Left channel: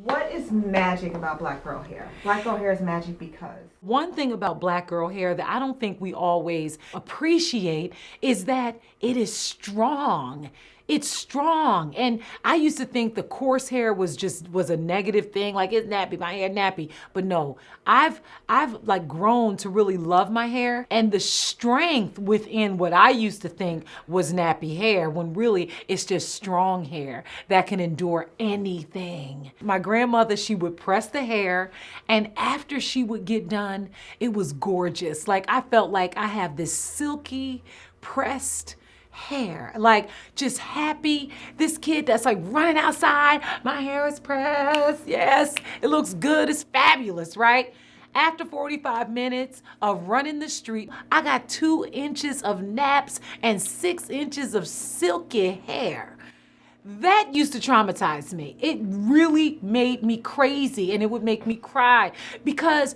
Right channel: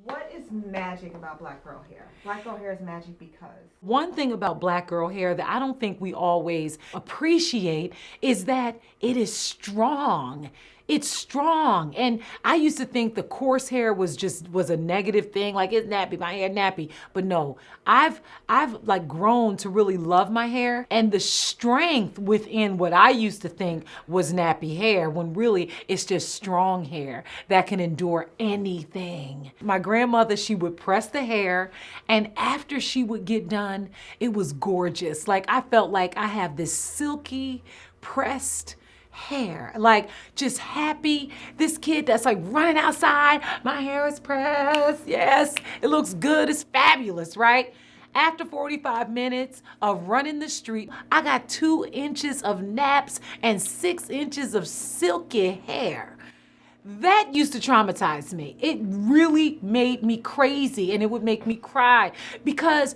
What is magic about black girl hair? Black girl hair is magic because One thing about black girl hair that I don't think we always appreciate is that it is strong. It's strong. And I used to think the coarse hair was a negative thing, like it's nappy, my hair nappy. But no, I've like grown to really love my hair and the strength within what I used to think was nappy hair when really it's just strong hair that can endure anything. My grandmother, she would press the hair, and after she would get done, it was gorgeous. Like I felt like I have this silky pressed hair, like just happy. This kid that's like running outside, my hair is pressed. Yes, it looks good. It's fabulous, right? After 45 minutes of running the street, I got 2 inches of naps and 6 inches of silky hair. That used to traumatize me. It really made me crazy and it would make me cry because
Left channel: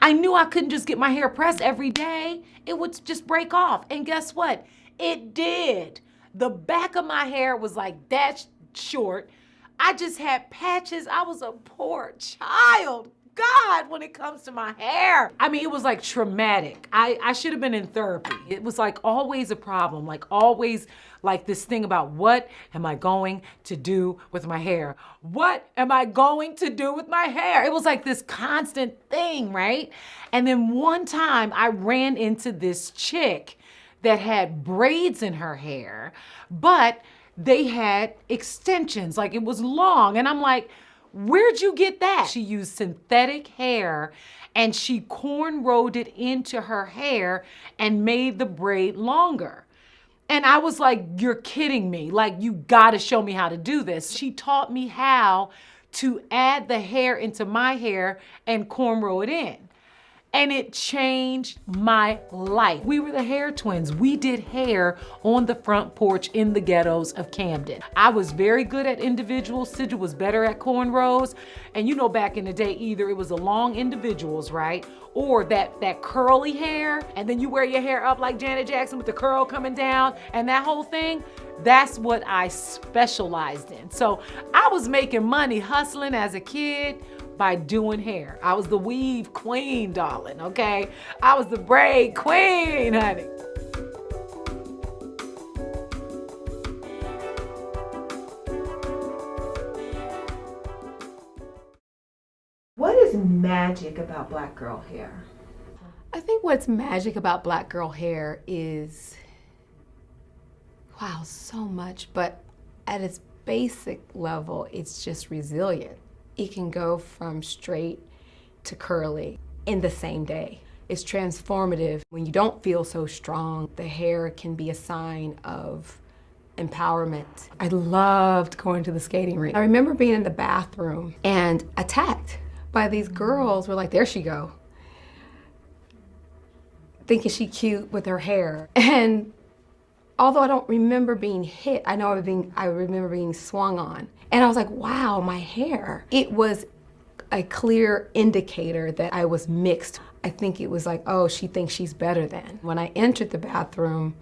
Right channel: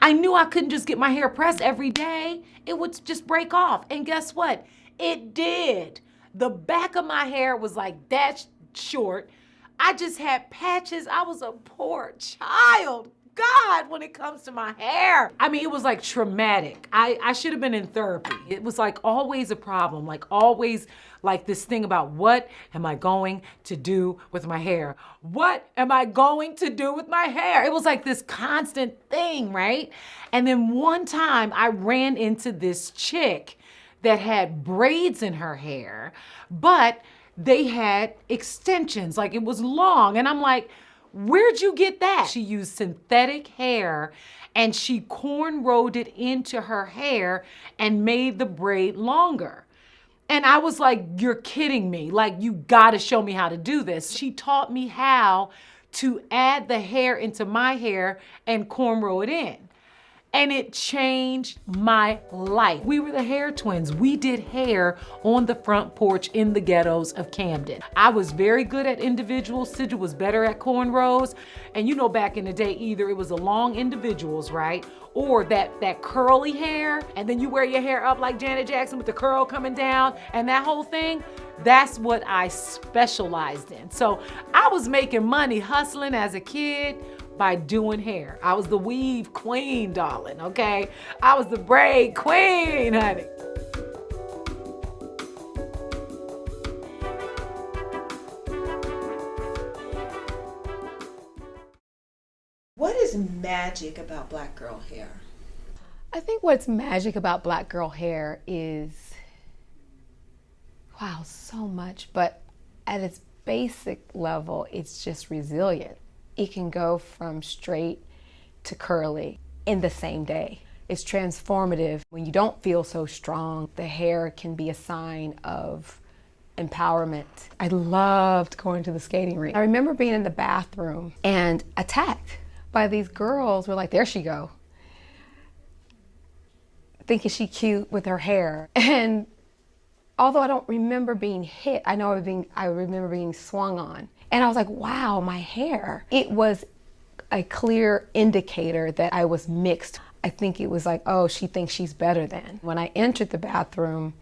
I knew I couldn't just get my hair pressed every day. It would just break off. And guess what? It did. The back of my hair was like that short. I just had patches. I was a poor child. God, when it comes to my hair. I mean, it was like traumatic. I should have been in therapy. It was like always a problem, like always like this thing about what am I going to do with my hair? What am I going to do with my hair? It was like this constant thing, right? And then one time I ran into this chick that had braids in her hair, but they had extensions, like it was long. And I'm like, where'd you get that? She used synthetic hair and she cornrowed it into her hair and made the braid longer. And I was like, you're kidding me. Like, you gotta show me how to do this. She taught me how to add the hair into my hair and cornrow it in. And it changed my life. We were the hair twins. We did hair on the front porch in the ghettos of Camden. I was very good at individuals. Sidra was better at cornrows. And you know, back in the day, either it was the long individuals, right? Or that curly hair, and then you wear your hair up like Janet Jackson with the curl coming down and that whole thing. That's what I specialized in. So I was making money hustling as a kid by doing hair. I was the weave queen, darling, okay? I was the braid queen, honey. what is magic about black girl hair? I think what's magic about black girl hair is, wow, so much, but at its basic level, it's just resilient. It can go from straight to curly in the same day. It's transformative. When you don't feel so strong, the hair can be a sign of empowerment. I loved going to the skating rink. I remember being in the bathroom and attacked by these girls. Were like, there she go, thinking she cute with her hair. And although I don't remember being hit, I remember being swung on. And I was like, wow, my hair. It was a clear indicator that I was mixed. I think it was like, oh, she thinks she's better than. When I entered the bathroom,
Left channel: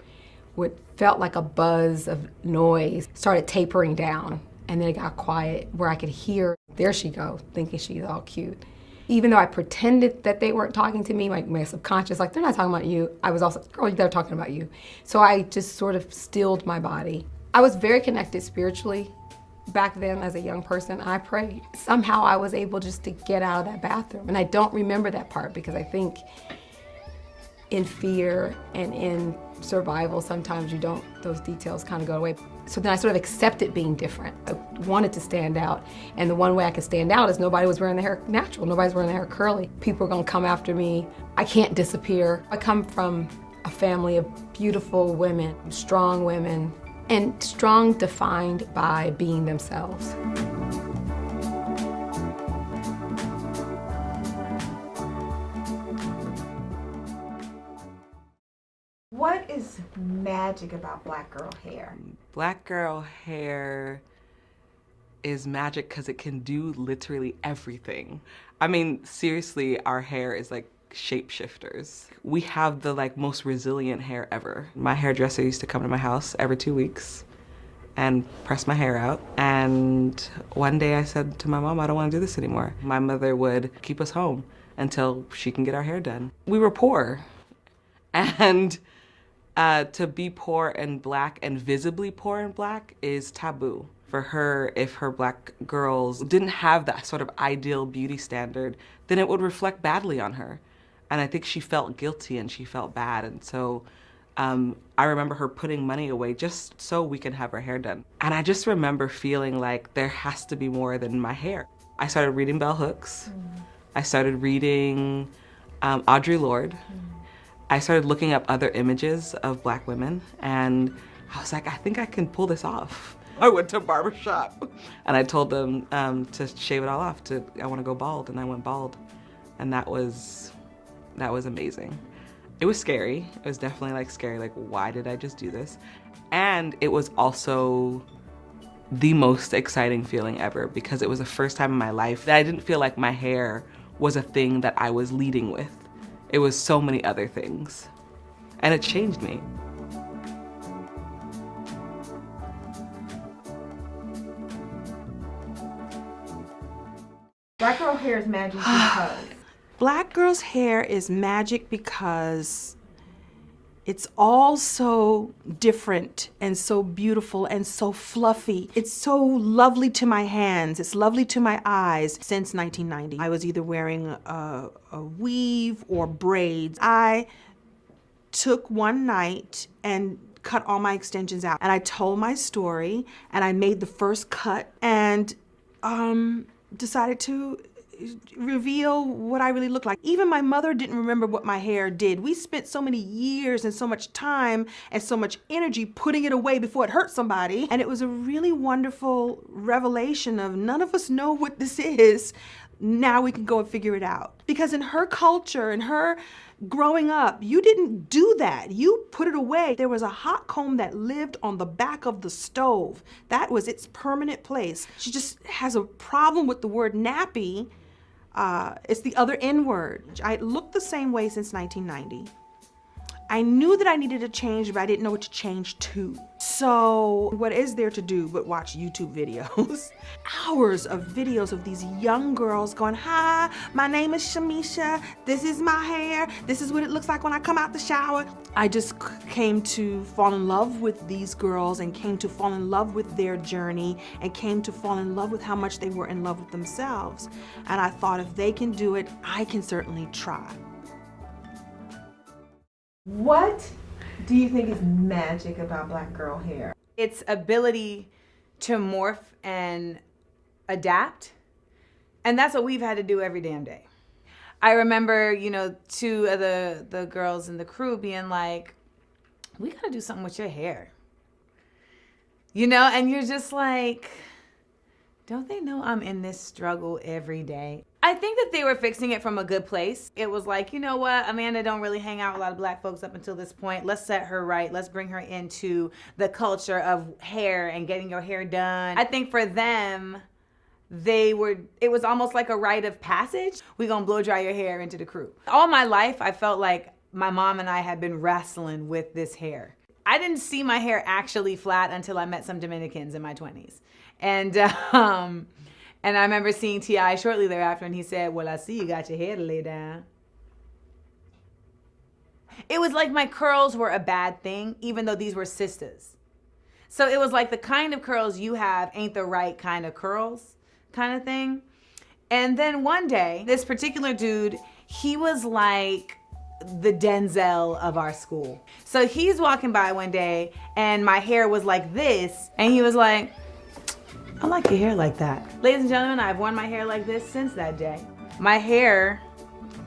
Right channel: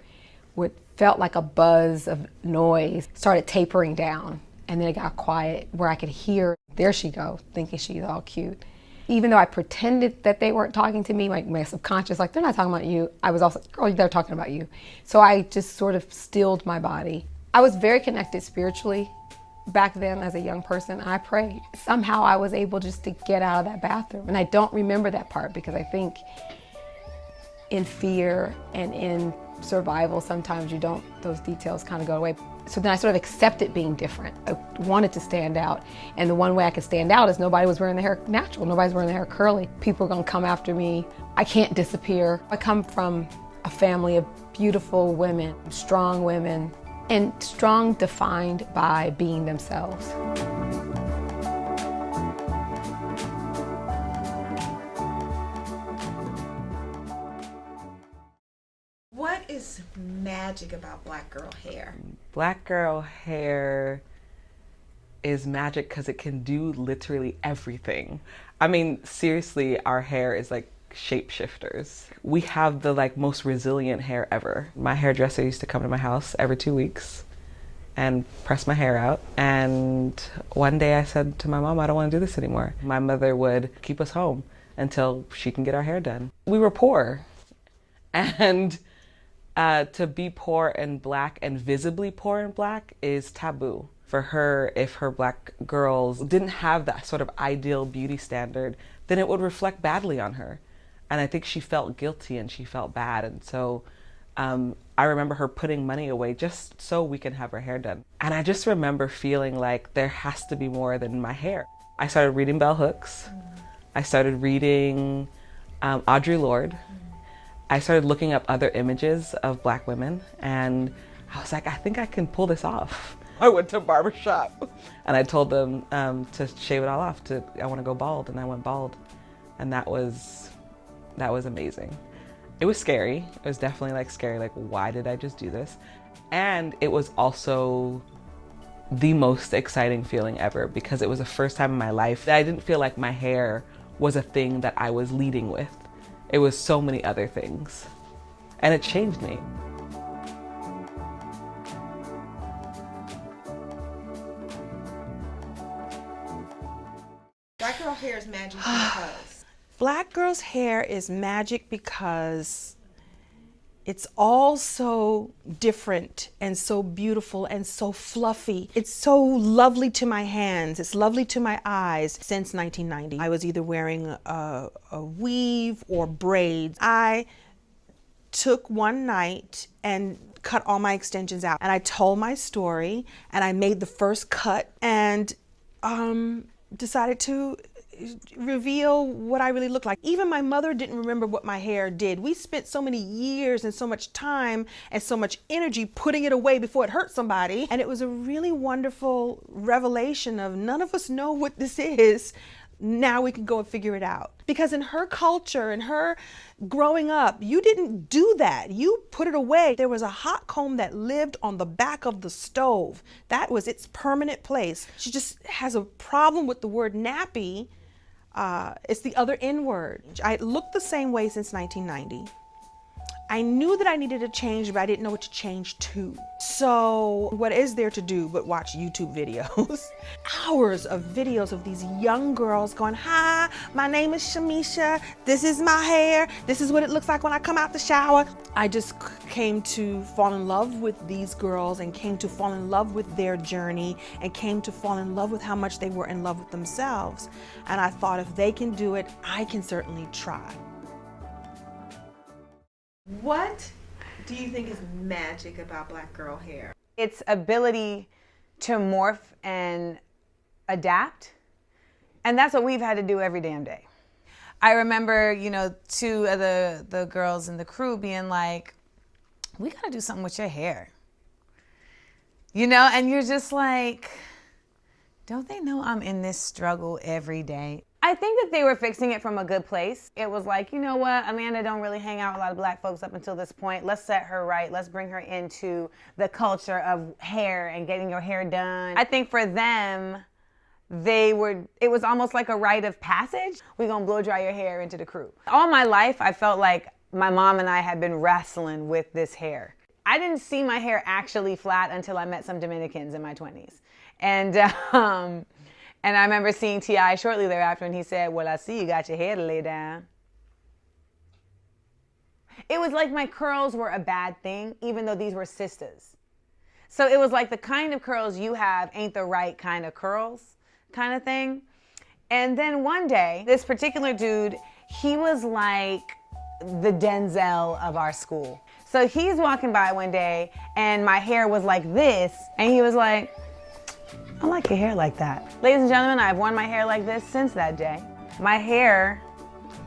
what felt like a buzz of noise started tapering down. And then it got quiet where I could hear, there she go, thinking she's all cute. Even though I pretended that they weren't talking to me, like my subconscious, like, they're not talking about you. I was also, girl, they're talking about you. So I just sort of stilled my body. I was very connected spiritually back then as a young person. I prayed. Somehow I was able just to get out of that bathroom. And I don't remember that part because I think in fear and in survival, sometimes those details kind of go away. So then I sort of accepted being different. I wanted to stand out. And the one way I could stand out is nobody was wearing their hair natural. Nobody's wearing their hair curly. People are gonna come after me. I can't disappear. I come from a family of beautiful women, strong women, and strong defined by being themselves. What is magic about black girl hair? Black girl hair is magic because it can do literally everything. I mean, seriously, our hair is like shapeshifters. We have the most resilient hair ever. My hairdresser used to come to my house every 2 weeks and press my hair out. And one day I said to my mom, I don't want to do this anymore. My mother would keep us home until she can get our hair done. We were poor. And to be poor and black and visibly poor and black is taboo. For her, if her black girls didn't have that sort of ideal beauty standard, then it would reflect badly on her. And I think she felt guilty and she felt bad. And so I remember her putting money away just so we can have her hair done. And I just remember feeling like there has to be more than my hair. I started reading bell hooks. I started reading Audre Lorde. I started looking up other images of black women, and I was like, I think I can pull this off. I went to a barber shop and I told them to shave it all off. I want to go bald, and I went bald, and that was amazing. It was scary. It was definitely like scary. Like, why did I just do this? And it was also the most exciting feeling ever, because it was the first time in my life that I didn't feel like my hair was a thing that I was leading with. It was so many other things, and it changed me. Black girl hair is magic because. Black girl's hair is magic because it's all so different and so beautiful and so fluffy. It's so lovely to my hands. It's lovely to my eyes. Since 1990, I was either wearing a weave or braids. I took one night and cut all my extensions out, and I told my story, and I made the first cut, and decided to reveal what I really look like. Even my mother didn't remember what my hair did. We spent so many years and so much time and so much energy putting it away before it hurt somebody. And it was a really wonderful revelation of none of us know what this is. Now we can go and figure it out. Because in her culture, in her growing up, you didn't do that. You put it away. There was a hot comb that lived on the back of the stove. That was its permanent place. She just has a problem with the word nappy. It's the other N word. I looked the same way since 1990. I knew that I needed to change, but I didn't know what to change to. So what is there to do but watch YouTube videos? Hours of videos of these young girls going, hi, my name is Shamisha. This is my hair. This is what it looks like when I come out the shower. I just came to fall in love with these girls, and came to fall in love with their journey, and came to fall in love with how much they were in love with themselves. And I thought, if they can do it, I can certainly try. What do you think is magic about black girl hair? Its ability to morph and adapt. And that's what we've had to do every damn day. I remember, two of the girls in the crew being like, we gotta do something with your hair. And you're just like, don't they know I'm in this struggle every day? I think that they were fixing it from a good place. It was like, you know what, Amanda don't really hang out with a lot of black folks up until this point. Let's set her right. Let's bring her into the culture of hair and getting your hair done. I think for them, it was almost like a rite of passage. We're gonna blow dry your hair into the crew. All my life, I felt like my mom and I had been wrestling with this hair. I didn't see my hair actually flat until I met some Dominicans in my 20s. And I remember seeing T.I. shortly thereafter, and he said, well, I see you got your hair to lay down. It was like my curls were a bad thing, even though these were sisters. So it was like the kind of curls you have ain't the right kind of curls kind of thing. And then one day, this particular dude, he was like the Denzel of our school. So he's walking by one day, and my hair was like this, and he was like, I like your hair like that. Ladies and gentlemen, I've worn my hair like this since that day. My hair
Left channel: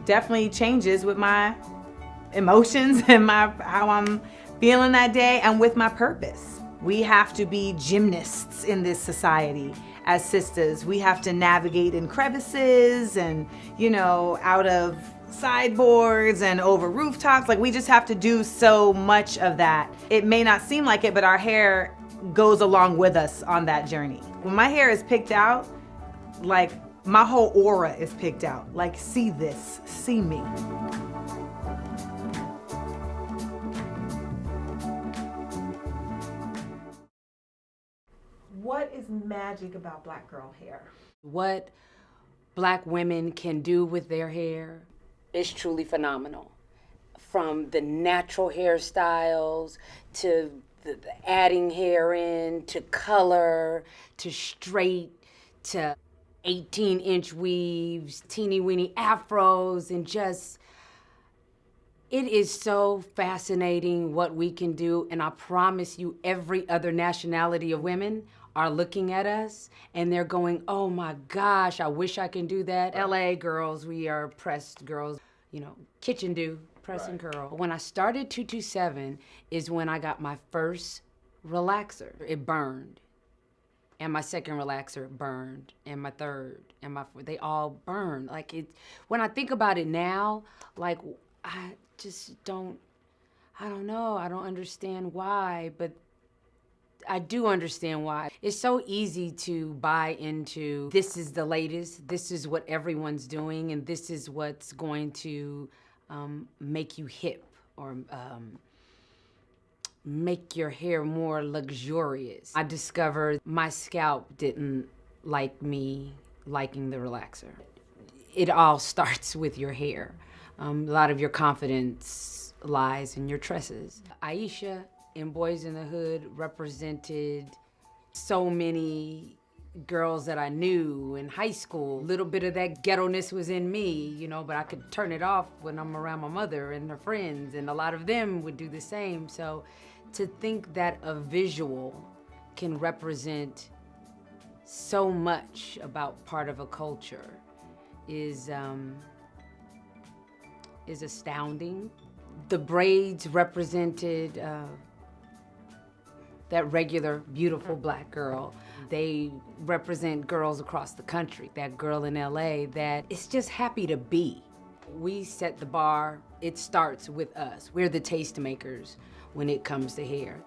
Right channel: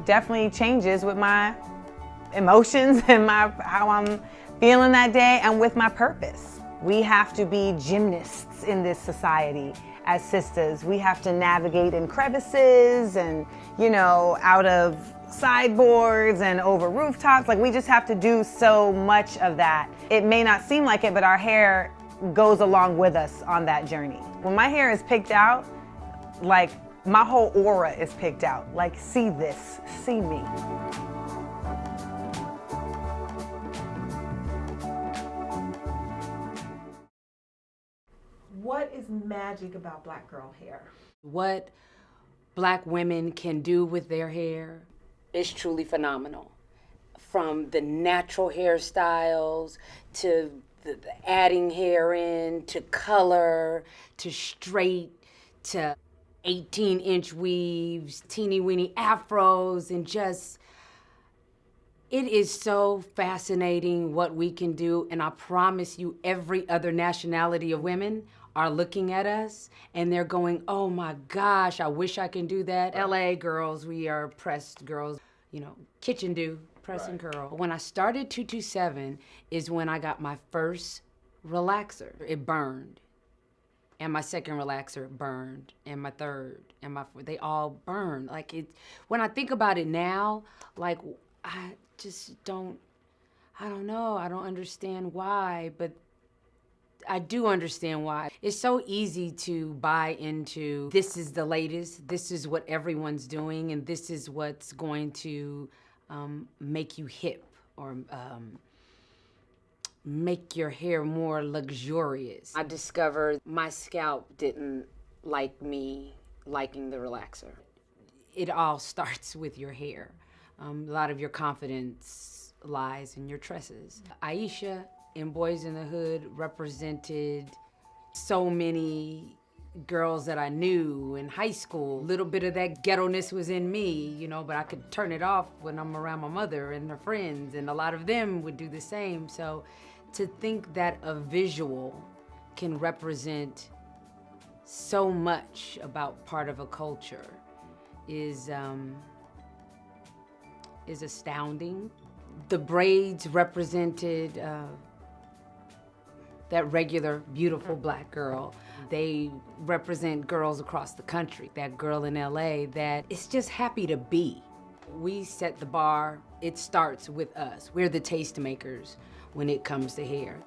definitely changes with my emotions and how I'm feeling that day, and with my purpose. We have to be gymnasts in this society as sisters. We have to navigate in crevices and, out of sideboards and over rooftops. Like, we just have to do so much of that. It may not seem like it, but our hair goes along with us on that journey. When my hair is picked out, like, my whole aura is picked out. Like, see this, see me. is magic about black girl hair? What black women can do with their hair is truly phenomenal. From the natural hairstyles to the adding hair in, to color, to straight, to 18-inch weaves, teeny weeny afros, and just, it is so fascinating what we can do. And I promise you, every other nationality of women are looking at us and they're going, oh my gosh, I wish I can do that. LA girls, we are pressed girls, you know, kitchen do, press and curl. When I started 227 is when I got my first relaxer. It burned. And my second relaxer burned, and my third, and my fourth, they all burned. Like, it, when I think about it now, like, I just don't, I don't know, I don't understand why, but I do understand why. It's so easy to buy into, this is the latest, this is what everyone's doing, and this is what's going to make you hip, or make your hair more luxurious. I discovered my scalp didn't like me liking the relaxer. It all starts with your hair. A lot of your confidence lies in your tresses. Aisha in Boys in the Hood represented so many girls that I knew in high school. A little bit of that ghetto-ness was in me, you know, but I could turn it off when I'm around my mother and her friends, and a lot of them would do the same. So to think that a visual can represent so much about part of a culture is astounding. The braids represented that regular, beautiful black girl. They represent girls across the country. That girl in LA that is just happy to be. We set the bar. It starts with us. We're the tastemakers when it comes to hair.